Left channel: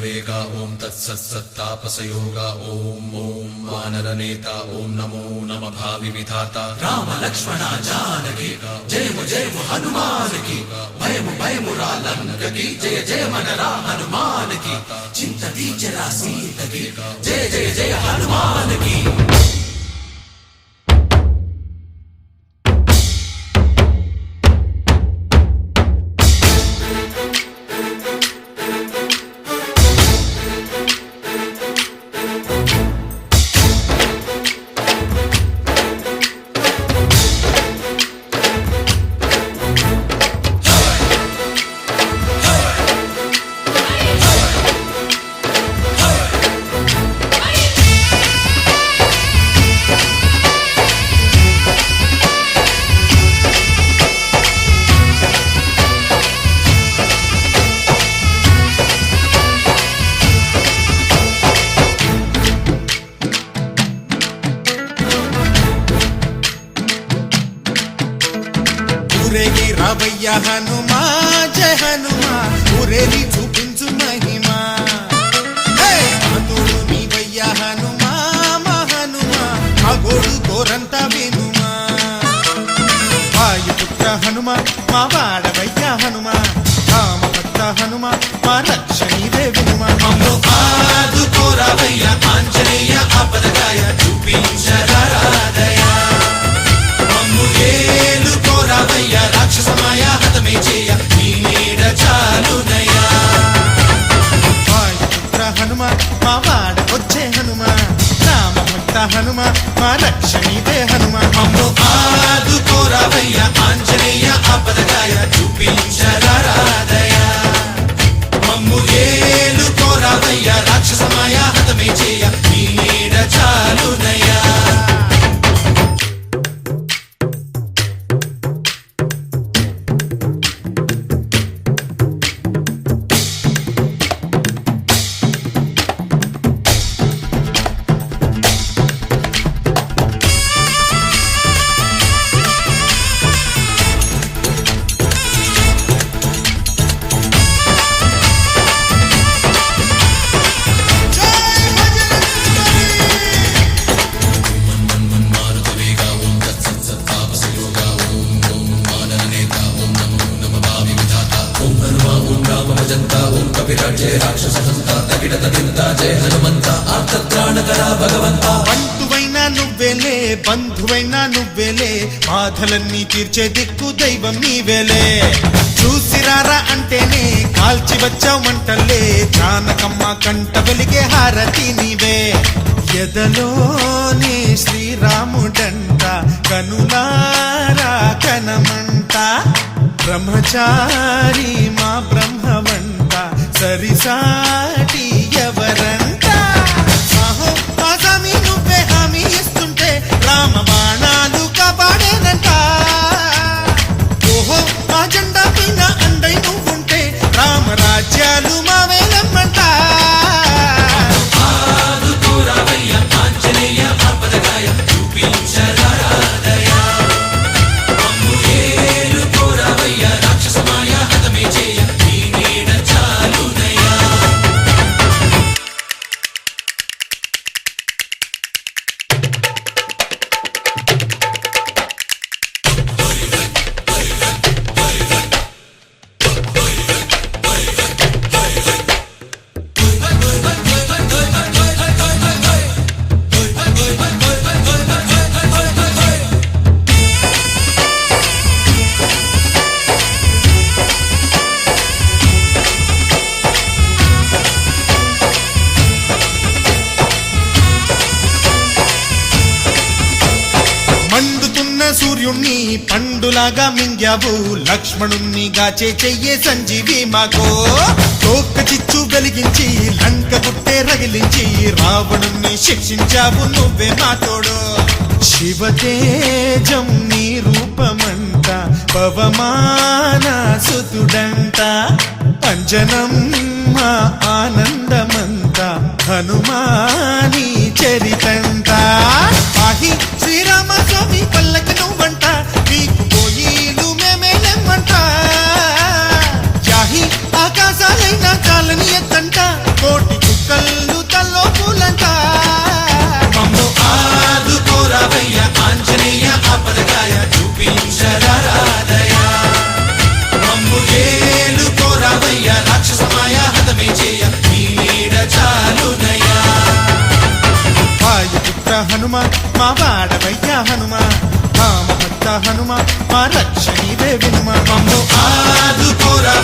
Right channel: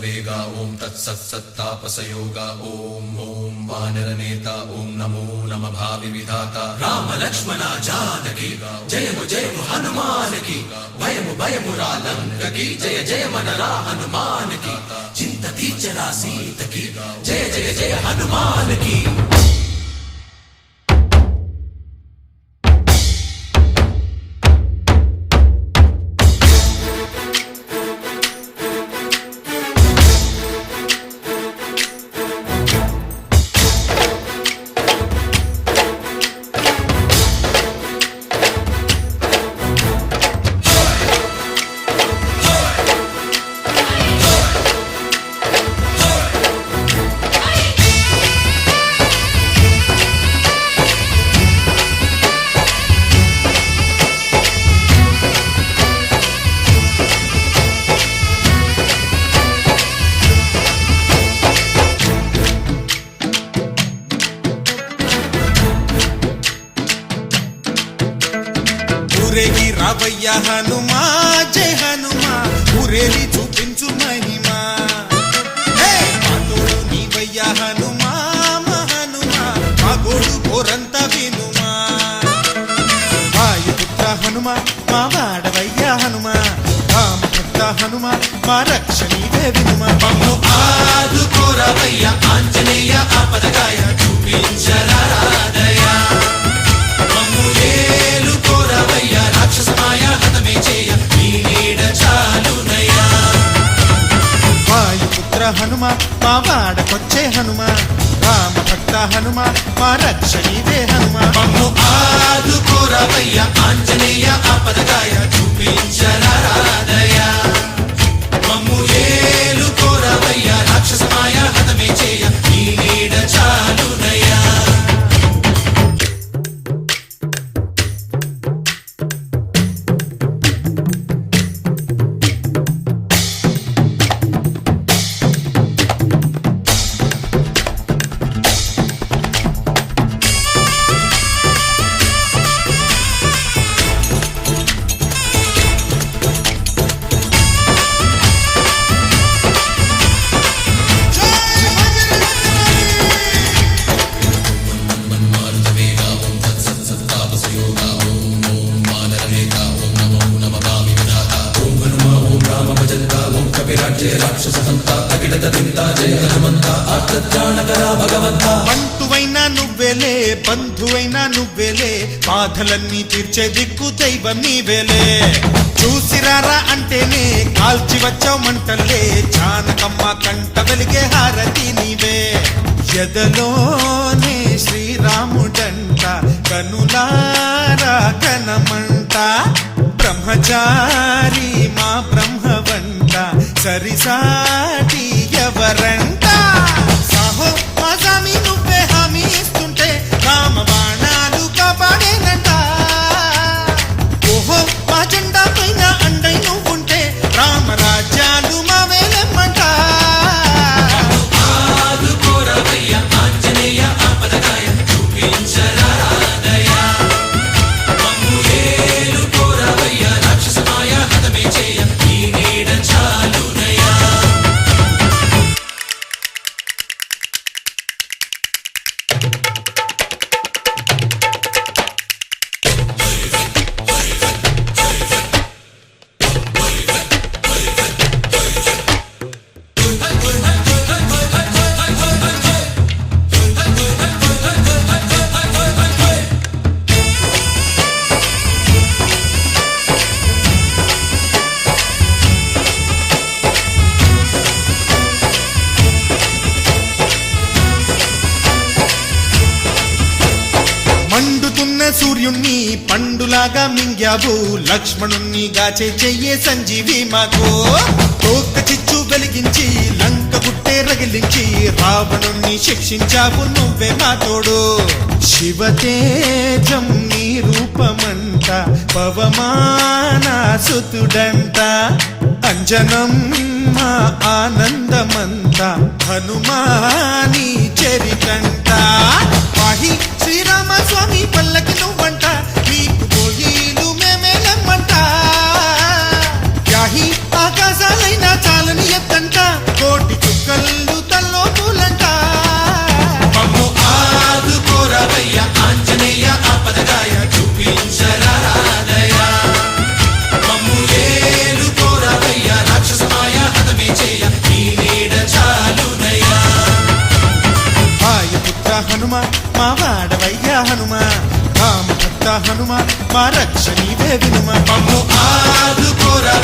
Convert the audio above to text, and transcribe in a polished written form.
वेगा ओम तत्सत्तापसयोगा ओम ओम वानरनेता ओम नमो नमः भावि विधाता राम लक्ष्मण जानकी जय हनुमान की भयमु रालंक की जय जय मनरा हनुमान की चिंतती चला सीत की जय जय हनुमान की। ఊరేగి రావయ్య హనుమా జయ హనుమా ఊరేగి చూపించు మహిమా తోడు నీవయ్య హనుమా మా హనుమా మా గోడు కోరంత వినుమా వాయుపుత్ర హనుమా మా వాడవయ్య హనుమా రామభక్త హనుమా మా రక్షణీవే వినుమా మమ్ము ఆదుకోరావయ్య ఆంజనేయ ఆపదగాయ చూపించరాదయ రాక్షసమాయ హతమే చేయ నీ నీడ చాలునయా వాయుపుత్ర హనుమ మా వాడకొచ్చే హనుమ రామభక్త హనుమ మా రక్షణీదే హనుమ మమ్ము ఆదుకోరావయ్య ఆంజనేయ ఆపదగాయ చూపించరాదయ మమ్ము ఏలుకోరావయ్య రాక్షసమాయ హతమే చేయ నీ నీడ చాలునయా। బంధువైనా నువ్వేలే బంధువైనా నువ్వేలే బాధలన్నీ తీర్చే దిక్కు దైవం నీవేలే చూసిరారా అంటేనే కాల్చి వచ్చామంటలే జానకమ్మ కంట వెలిగే హారతి నీవే ఎదలోనే శ్రీరాముడంట కనులారా కనమంట బ్రహ్మచారి మా బ్రహ్మవంత సరిసాటి ఎవరంట సూర్యుణ్ణి పండులాగా మింగావు లక్ష్మణుణ్ణి గాచే చెయ్యే సంజీవి మాకు ఒక్క చిచ్చు వెలిగించి లంక పుట్టే రగిలించి రావణుణ్ణి శిక్షించావు నువ్వే మా తోడు శివతేజం నీ రూపమంట పవమాన సుతుడంట అంజనం మా ఆనందమంత హనుమాని చరితంట ఆహి శ్రీరామ స్వామి పల్లకి నువ్వంట నీకు పోయిను హనుమ మా వాడవయ్యా హనుమ మా మహత్త హనుమ మా రక్ష నీవే వినుమ మమ్ము ఆదుకోరా